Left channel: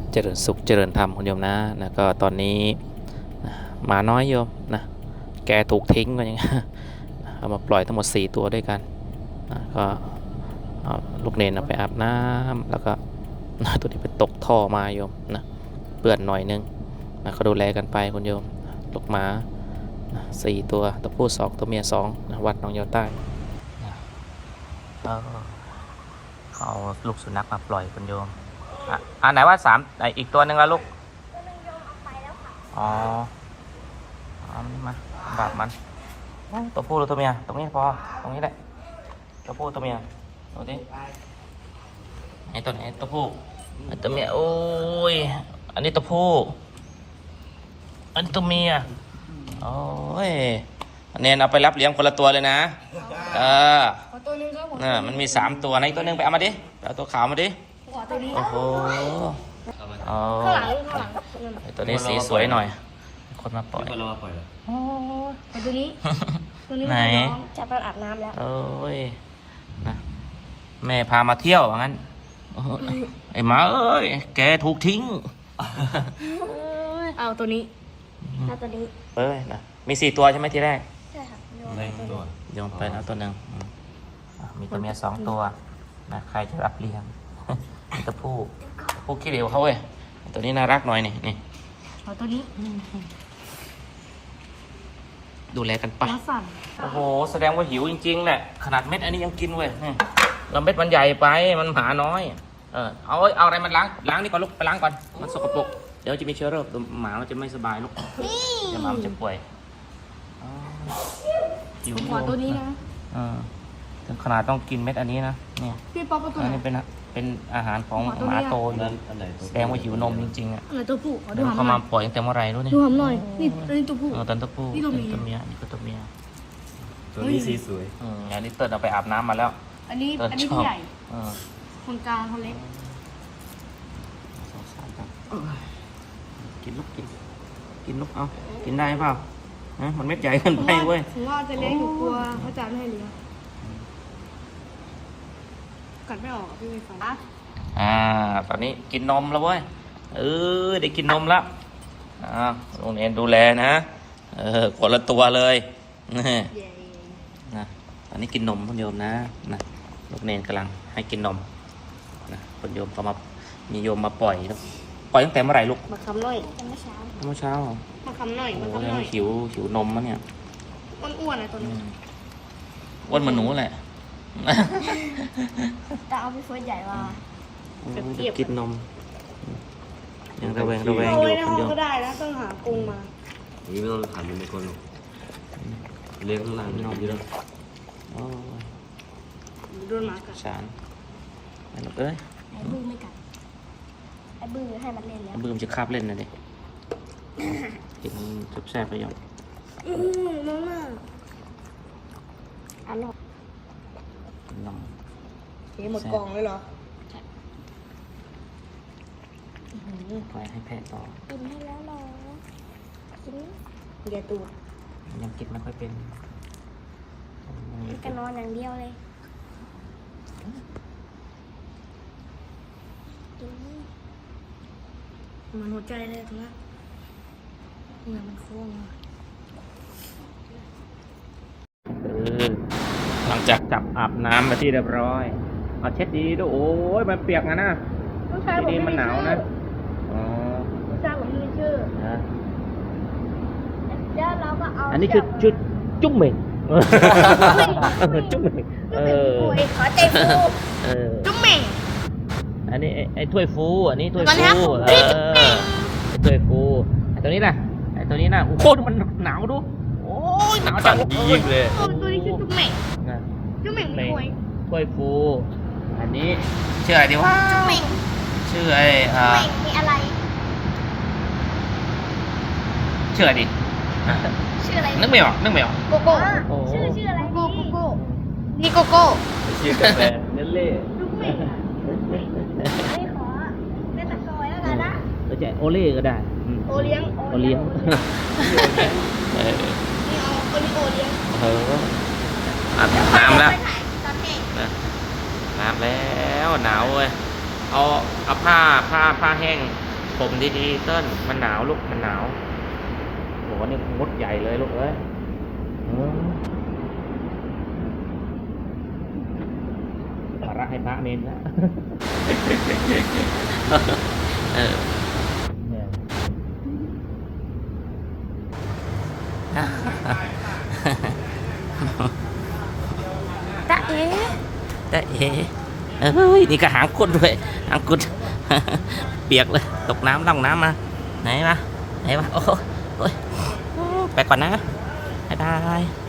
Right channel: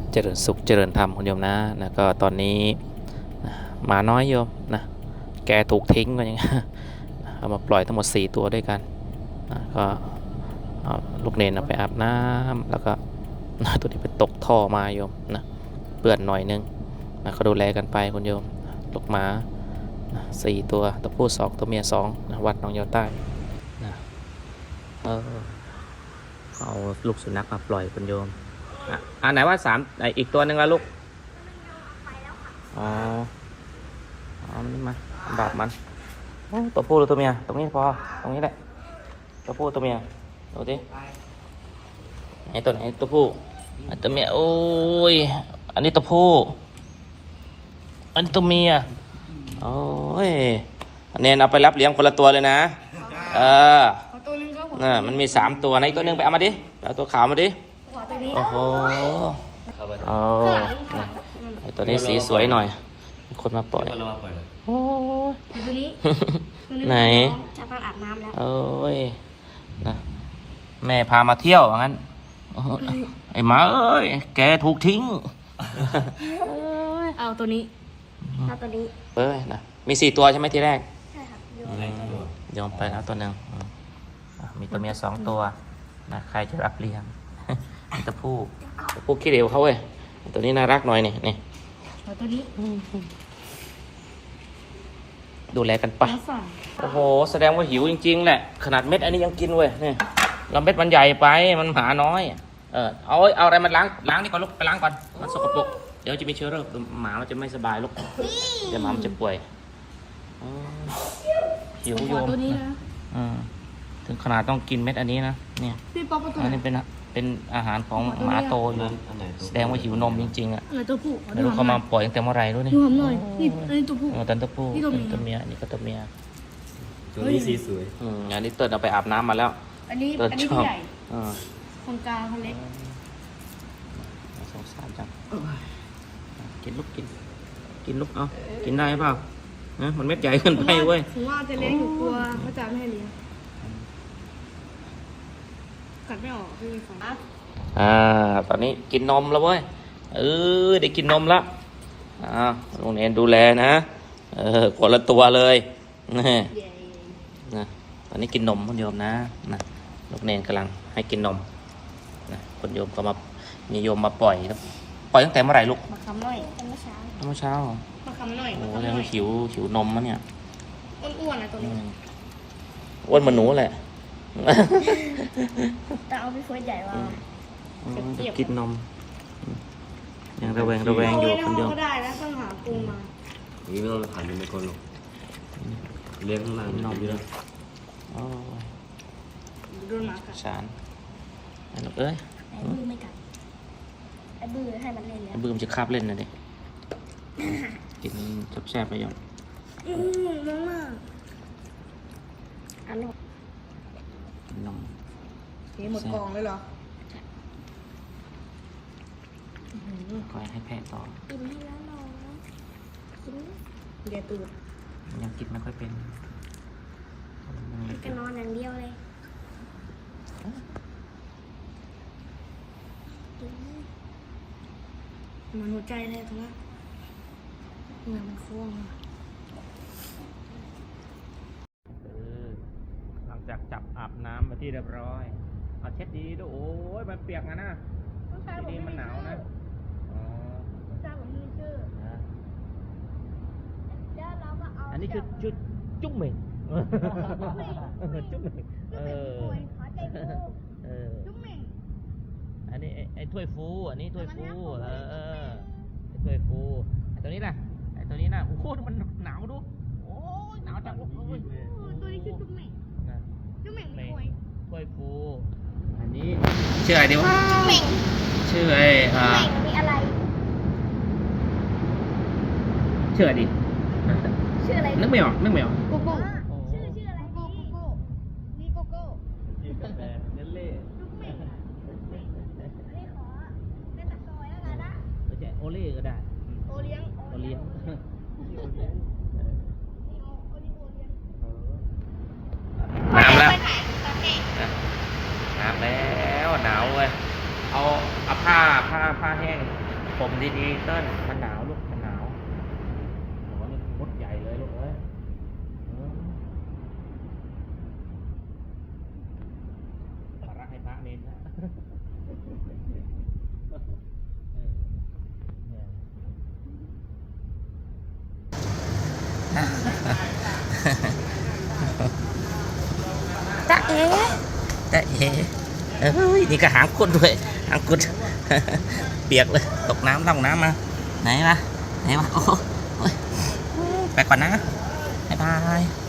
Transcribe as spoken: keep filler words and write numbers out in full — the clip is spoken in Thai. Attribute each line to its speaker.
Speaker 1: เจริญสุขเจริญธรรมคุณโยมนะนะก็ตอนนี้นะหมาน้อยโยมนะแกถูกทิ้งก็ยัง เอามาปล่อยทั้งหมดสี่ตัวด้วยกันนะก็เอาลูกเนนเอาไปอาบน้ำแล้วก็ ตัวนี้ไปตกท่อมาโยมนะเปื้อนหน่อยนึงนะก็ดูแลกันไปคุณโยมลูกหมานะสี่ตัวตัวผู้สองตัวเมียสองนะวัดหนองยาวใต้เอาลูกสุนัขมาปล่อยคุณโยมอ่ะอ่าไหนว่าสามอีกตัวหนึ่งละลูกอ๋ออันนี้มาแบบมันตัวผู้หรือตัวเมียตรงนี้พอตรงนี้แหละตัวผู้ตัวเมียดูดิไอ้ตัวไหนตัวผู้ตัวเมียโอ้ยอันนี้ตัวผู้อันนี้ตัวเมียโอ้ยอันนี้เอาไปรับเลี้ยงคนละตัวเลยนะเออนี่มันมีสามตัวให้ตัวนึงไปเอามาดิเอาตัวขาวมาดิตัวนี้โอ้โหตัวนี้สีสวยหน่อยคนมาปล่อยโอ้ตัวนี้ไหน
Speaker 2: จะไปอาบน้ำแล้ว
Speaker 1: โอ้ยแม่พามาเที่ยวงั้นไอ้หมาเอ้ยแกถูกทิ้ง
Speaker 2: เอาตัวนี้เอาตัวนี้
Speaker 1: เออมีสี่ตัวใช่ไหมทีแรก
Speaker 2: ใช่ครับโย
Speaker 1: นโยนไปแล้วตัวหนึ่งมีตัวเมียสองตัวนะใครจะรับเลี้ยงตัวผู้ผู้ขี้เหลวเขาเว้ยตัวนี้น่ารักหน่อยนี่นี่
Speaker 2: เอาตัวนี้
Speaker 1: ดูแลกันไปโอ้โหแสดงว่าหิวจริงๆแหละขนาดเม็ดอันนี้ยังกินเว้ยนี่เราเม็ดมันใหญ่ไปมันหาน้อยเออเอาเอาอะไรมันล้างล้างนี่ก่อนลูกไปล้างก่อนมันสกปรกเดี๋ยวจะมีเชื้อโรคหมามันจะไม่สบายลูกเดี๋ยวหมามันจะป่วย
Speaker 2: หิวตัวนี้นะ
Speaker 1: อืมถึงขนาดต้องกินเม็ดอันนี้นะเนี่ย
Speaker 2: พี่ป๊อปตัวไหน
Speaker 1: เป็นเป็นอาหารของหมาโตอยู่แสดงว่าหิวนมจริงๆอ่ะ
Speaker 2: ตัวผู้ขอดูหอมหน่อย
Speaker 1: เขามาปล่อยตั้งแต่เมื่อไรรู้นี่
Speaker 2: ดูหอมหน่อยนี่ตัวนี้ตัวผู้
Speaker 1: เออตัวผู้
Speaker 2: นี่ตัว
Speaker 1: เมียนี่ก็ตัวเมีย
Speaker 3: ตัวนี้สีสวย
Speaker 1: อืมอันนี้เติร์ดเอาไปอาบน้ำมาแล้ว
Speaker 2: อันนี้อันนี้พี่ใหญ่คนกลางคนเล็ก
Speaker 1: กินลูกกินกินลูกเอากินได้เปล่านะมันเม็ดใหญ่ขึ้นไปเว้ย
Speaker 2: ผมว่าจะเลี้ยงอยู่ตัวเขาจะไม่ให้เลี้ยงกัดไม่ออกพี่ไม่ฟัง
Speaker 1: อ่าตอนนี้กินนมแล้วเว้ยเออได้กินนมแล้วอ่าโรงเรียนดูแลนะเออคนละตัวเลยนี่นะตอนนี้กินนมคุณโยมนะลูกเนนกำลังให้กินนมนะคุณโยมก็มามีโยมมาปล่อยปล่อยตั้งแต่เมื่อไหร่ลูก
Speaker 2: มาคำหน่อยเมื่อเช้า
Speaker 1: เมื่อเช้า
Speaker 2: มาคำหน่อยมาคำหน่อย
Speaker 1: หิวหิวนมมั้งเนี่ย
Speaker 2: อ้วนๆนะตัวนี้
Speaker 1: อ้วนเหมือนหนูแหละ
Speaker 2: แต่เอาพี่เฟิร์สใหญ่มา
Speaker 1: กินนมระเวง
Speaker 2: ระเวงเอาไว้ในห้องก็ได้แล้วต้องหากรงมา
Speaker 3: นี่เราถ่ายในคนเลี้ยงข้างล่างเยอะ
Speaker 2: โดนหมากัด
Speaker 1: สามเอ้ย
Speaker 2: บื้อไม่กัดไอ้บื้อให้มันเล่นแล้ว
Speaker 1: บื้อจะคาบเล่นเลยดิกินจับแซ่บไปยัง
Speaker 2: อืมน้องน่ะอร่อยเฮ้หมดกองเลยเหรอก
Speaker 1: องให้แพะต่อ
Speaker 2: กินให้แล้วหรอกินเดี๋ยวตูด
Speaker 1: ยังกินไม่ค่อยเป็น
Speaker 2: กันนอนอย่างเดียวเลยมันหัวใจเลยตรงนั้นเงินมันฟูมา
Speaker 1: หลังจากจับอาบน้ำมาที่เรียบร้อยเอาเช็ดดีด้วยโอ้ยมันเปียกนะนะดีมันหนาวนะอ๋อ
Speaker 2: ผู้ชายผมมีชื่อเดี๋ยวเราก็เอา
Speaker 1: อันนี้คือชุดจุ้มเหม่งจุ้มเหม่งเออ
Speaker 2: ขอใจฟูจุ้มเหม่ง
Speaker 1: อันนี้ไอ้ถ้วยฟูอันนี้ถ้วยฟูเออไอ้ถ้วยฟูไอ้ตัวนี้ล่ะไอ้ตัวนี้น่ะโอ้โหมันหนาวดูโอ้ยหนาวจัง
Speaker 3: ยิ่งเลย
Speaker 2: ตัวนี้ชื่อจุ้มเหม่งจุ้มเหม่งถ้วย
Speaker 1: ถ้วยฟูอันนี้ชื่ออะไรดีวะ
Speaker 2: จุ้มเหม่ง
Speaker 1: ชื่อไอ้อ่า
Speaker 2: มีอะไร
Speaker 1: ชื่ออะไรดี
Speaker 2: ชื่ออะไร
Speaker 1: นึกไม่ออกนึกไม่ออก
Speaker 2: โกโก้ชื่อชื่ออะไรโกโก้นี่โกโก้
Speaker 3: ชื่อกาแฟเนลเล่
Speaker 2: จุ้มเหม่งอันนี้ขอเป็นตะกอยแล้วกันนะ
Speaker 1: เราจะโอเล่ก็ได้
Speaker 2: โอเลี้ยง
Speaker 1: โอเลี้ยง
Speaker 2: นี่เอาโอลิโอเลี้ยง
Speaker 1: เอออาบน้ำแล้วอาบแล้วหนาวเลยเอาเอาผ้าผ้าผ้าแห้งผมดีๆเติ้ลมันหนาวลูกมันหนาวโหนี่มดใหญ่เลยลูกเอ้ยเออภาระให้พระเนนนะ เออตะเอ๋ตะเอ๋เอ้ย นี่ก็หางกุดด้วยหางกุด เปียกเลย ตกน้ำต้องน้ำมา ไหนมาไหนมาโอ้โหไปก่อนนะ บ๊ายบาย